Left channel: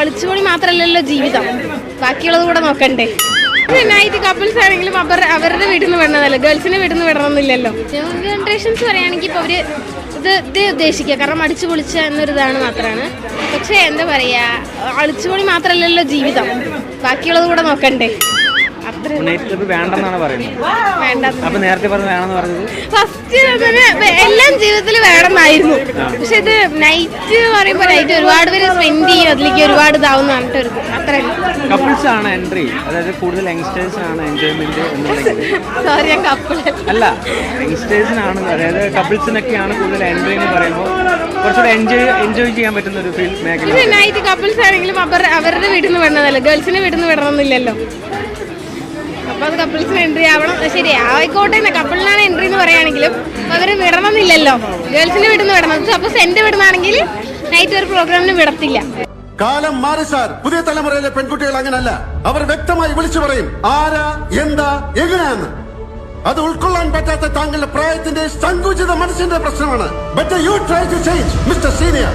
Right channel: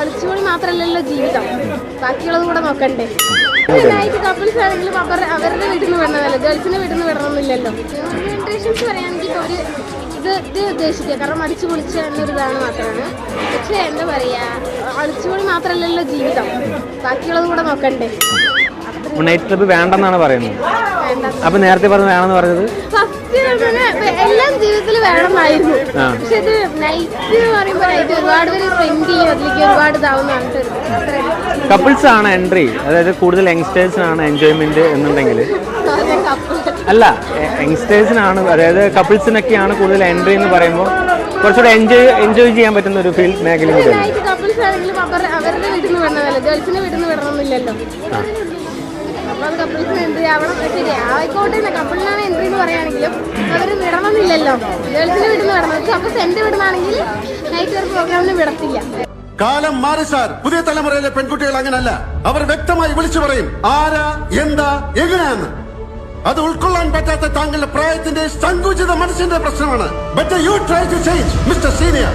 കളിച്ചുകൂടി മാത്രല്ലല്ലോ ജീവിതം, ബാക്കിയുള്ളത് കൂടെ നോക്കണ്ടേ. നൈറ്റ് കപ്പിൾസ് ആണെങ്കിലും അവരുടെ വീട്ടിൽ നിന്ന് വിടണതല്ല, ഗേൾസിനെ വീട്ടിൽ നിന്ന് വിടണമെന്നില്ലല്ലോ. ന്യൂ ജനറേഷൻസ് പറയുകയാണെങ്കിൽ ഇപ്പോൾ ഒരു ഇത് ഉദ്ദേശിക്കുക, കാരണം അടിച്ചു പൊളിച്ച എന്നൊരിതാണ് മാത്രമാണ്. പക്ഷേ എന്താ പറയുക, അടിച്ചുപൊളി മാത്രല്ലല്ലോ ജീവിതം, ബാക്കിയുള്ളത് കൂടെ നോക്കണ്ടേ. നൈറ്റ് ക്ലബ്ബ് വേണ്ടെന്നാണ് പറയുന്നത്. അപ്പൊ നേരത്തെ വേണമെന്ന് പറഞ്ഞത് എല്ലാം ജീവിതത്തിൽ വേണമെന്നായിരുന്നു. പക്ഷെ ഇത് നൈറ്റ് പറയുമ്പോൾ നൈറ്റ് ഒരുപാട് പേര് സ്പെൻഡ് ചെയ്യും, അതിലേക്ക് ഒരുപാട് ഇതാവുന്നതാണ്. കപ്പിൾസ് ആണ് എൻട്രി, അതായത് കൂടുതൽ യങ്സ്റ്റേഴ്സ് ആണ് എൻജോയ്മെന്റ് എന്നുണ്ടെങ്കിൽ അല്ല, യങ്സ്റ്റേഴ്സിനാണ്, അതായത് കപ്പിൾസിനൊക്കെയാണ് കൂടുതൽ എൻട്രി എന്ന് പറയുമ്പോൾ കുറച്ചുകൂടെ എൻജോയ് ചെയ്യാൻ പറ്റുന്ന ഒരു ഫീൽ മേഖല. നൈറ്റ് കപ്പിൾസ് ആണെങ്കിലും അവരുടെ വീട്ടിൽ നിന്ന് വിടണതല്ല, ഗേൾസിനെ വീട്ടിൽ നിന്ന് വിടണമെന്നില്ലല്ലോ. അപ്പൊ അത് കപ്പിൾസിന് എൻട്രി ആവണം, ശരി ആയിക്കോട്ടെ. കപ്പിളിനാണ് എൻട്രി എന്ന് പറയുകയാണെങ്കിലും അവര് വിടണമെന്നില്ലല്ലോ, ഗേൾസിനെ വീട്ടിൽ നിന്ന് വിടണം. സപ്പോസ് എന്റെ വീടുന്നാണെങ്കിൽ നൈറ്റ് ഒരു പ്രോഗ്രാമിന് വിടത്തില്ല. കാലം മാറി സാർ. പുതിയ തലമുറയിലെ പെൺകുട്ടികൾ അങ്ങനല്ല. അവർ വ്യക്തമായി വിളിച്ചു പറയും ആരാ, എന്താ, എങ്ങനെയാന്ന്. അത് ഉൾക്കൊള്ളാൻ പറ്റാത്ത താങ്കളുടെ പ്രായത്തിന്റെ സങ്കുചിത മനസ്സിന്റെ പ്രശ്നമാണ്. But you try to change mister senior.